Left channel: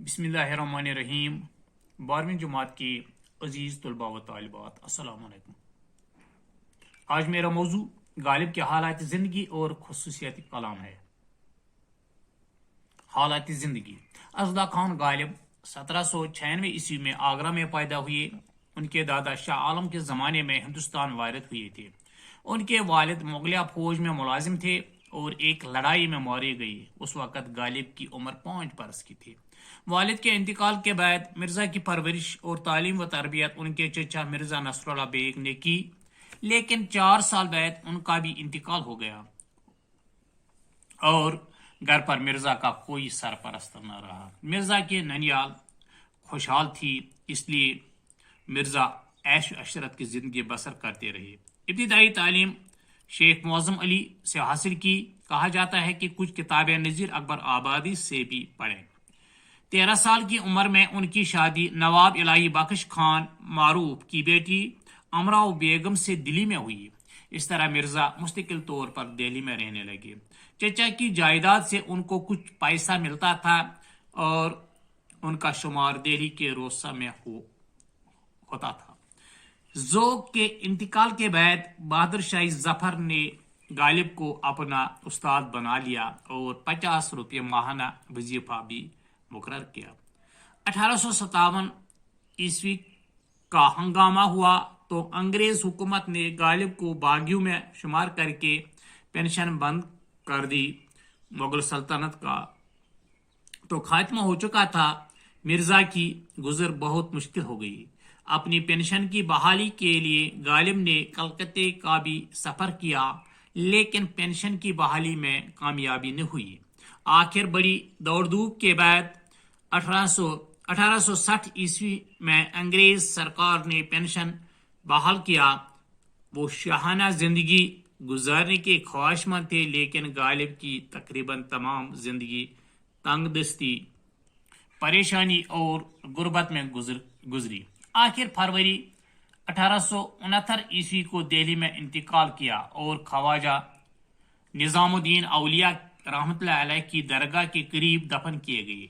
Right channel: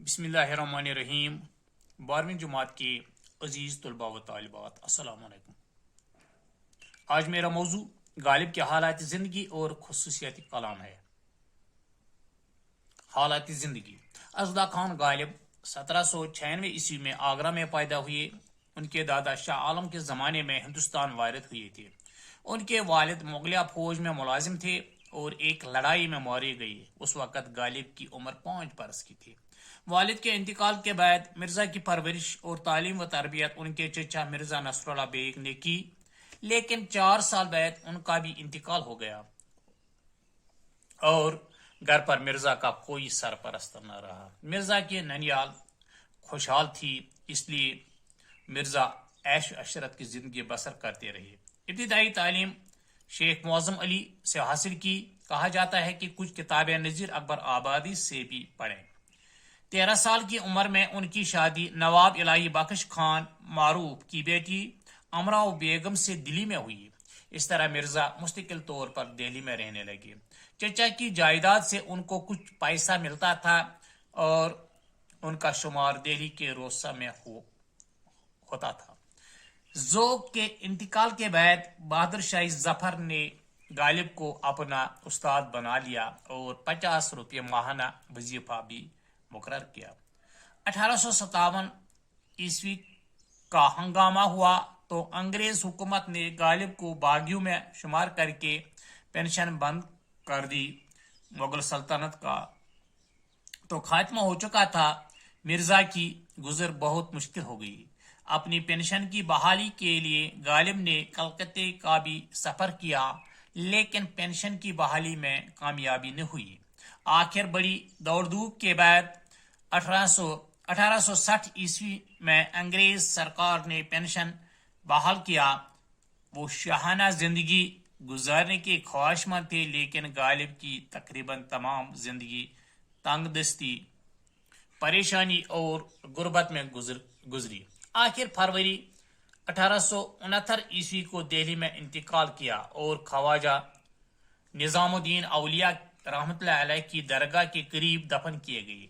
बिस्मिल्लाहिर्रहमानिर्रहीम। 12वीं जमात के अजीज़ तलबा व तालिबात, अस्सलाम वालेकुम। आज मेरा मौजू गालिब के हालात ज़िंदगी और खुसूसियाती कलाम है। हालात ज़िंदगी। अज़दा खान गालिब 1796 ईस्वी में आगरा में पैदा हुए। उनके दादा शाह आलम के ज़माने में हिंदुस्तान वारिद हुए थे। उनके वालिद मुगलिया फौज में मुलाजिम थे और एक लड़ाई में मारे गए। उस वक़्त गालिब की उम्र 5 बरस की थी। वालिद के इंतकाल के बाद मिर्ज़ा की परवरिश और तालीम व तरबियत उनके चचा मिर्ज़ा नसरुल्लाह बेग ने की, लेकिन 4 साल बाद उनका भी इंतकाल हो गया और घर पर मिर्ज़ा का कोई सरपरस्त न रहा। मिर्ज़ा की ननियाल खुशहाल थी, इसलिए मिर्ज़ा ऐश अशरत की ज़िंदगी बसर करते रहे। इब्तिदाई तालीम शेख मुअज़्ज़म अली से हासिल की। कहा जाता है कि कुछ किताबें नज़ीर अकबर आबादी से भी पढ़ें। 13 साल की उम्र में उनकी शादी नवाब इलाही बख्श खान मारूफ की बेटी अमराव बेगम से दिल्ली में हुई। इस तरह मिर्ज़ा मुस्तकिल तौर पर दिल्ली में रहने लगे। चचा की जायदाद से उनको कुछ पैसा मिलता था और उनका शुमार दिल्ली के रोसा में होता था। ज़ोक के इंतकाल के बाद बहादुर शाह जफर ने गालिब को अपना उस्ताद बना लिया और 50 रुपये माहाना वजीफा भी मुकर्रर किया। 1857 ईस्वी का हंगामा हुआ तो अंग्रेज हुकूमत ने गालिब को बागियों में शुमार करके पेंशन बंद कर दी। मुगल सल्तनत का तो खात्मा हो चुका था। मिर्ज़ा की गुजर बहुत मुश्किल हो गई। अपनी पेंशन की बहाली के लिए गालिब ने कलकत्ते का भी सफ़र किया, लेकिन पेंशन की बहाली में कामयाबी न हुई। आखिर बड़ी दौड़ धूप के बाद 1860 ईस्वी में अंग्रेज सरकार ने पेंशन बहाल किया। वो शाहाना जिंदगी गुजारने के ख्वाहिशमंद थे, लेकिन गालिब की तकरीबन तमाम जिंदगी तंगदस्ती, परेशानी और गुर्बत में गुजरी। आखिर फरवरी 1869 ईस्वी को दिल्ली में इंतकाल किया और ख्वाजा निजामुद्दीन औलिया रहमतुल्लाह अलैह की दरगाह के करीब दफन किए गए।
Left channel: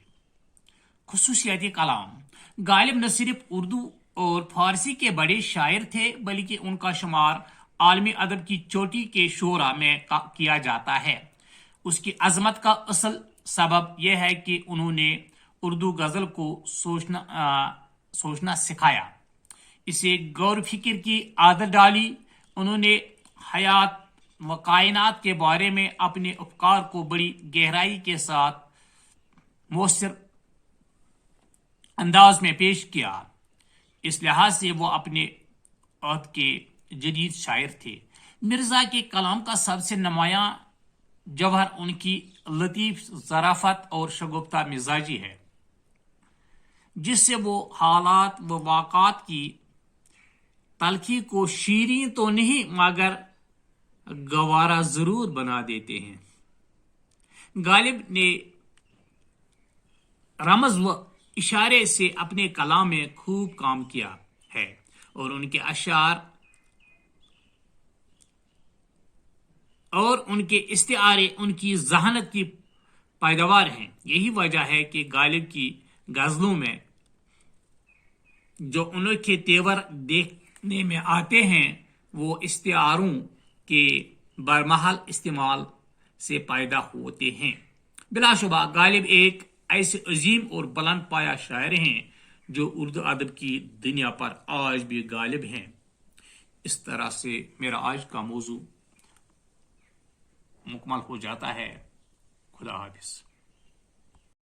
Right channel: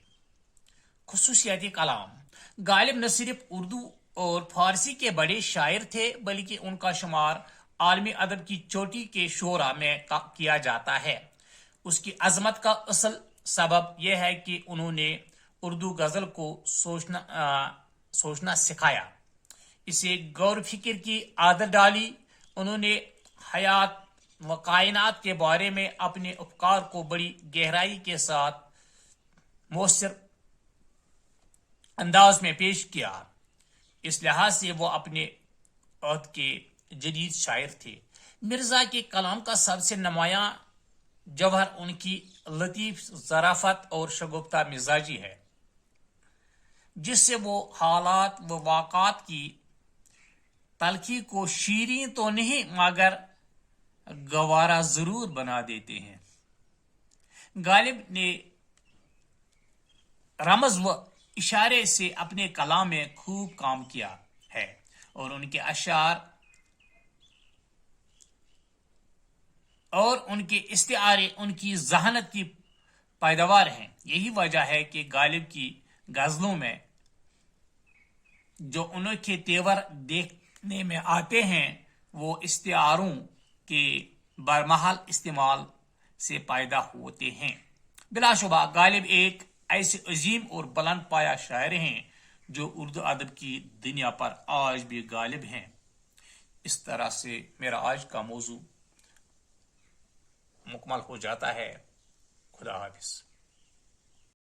खुसूसियाती कलाम। गालिब न सिर्फ उर्दू और फारसी के बड़े शायर थे, बल्कि उनका शुमार आलमी अदब की चोटी के शोरा में किया जाता है। उसकी अजमत का असल सबब यह है कि उन्होंने उर्दू गज़ल को सोचना सिखाया, इसे गौर फिक्र की आदत डाली। उन्होंने हयात व कायनात के बारे में अपने अफकार को बड़ी गहराई के साथ मौसर अंदाज में पेश किया। इस लिहाज से वो अपने वक्त के जदीद शायर थे। मिर्ज़ा के कलाम का सबसे नुमायां जौहर उनकी लतीफ़ ज़राफ़त और शगुफ्ता मिजाजी है, जिससे वो हालात व वाक़ात की तलखी को शीरीं तो नहीं मगर गवारा ज़रूर बना देते हैं। गालिब ने रमज़ व इशारे से अपने कलाम में खूब काम किया है और उनके अशार और उनके इस्तिआरे उनकी ज़हानत की पैदावार हैं। यही वजह है कि गालिब की गज़लों में जो उनके तेवर देखने में आते हैं, वो इस्तिआरों के बरमहल इस्तेमाल से पैदा होते हैं। बिलाशुबा गालिब एक ऐसे अजीम और बुलंद पाया शायर हैं जो उर्दू अदब की दुनिया पर आज भी गालिब हैं। इस तरह से मेरा आज का मौजू मुकम्मल हो जाता है। खुदा हाफिज़।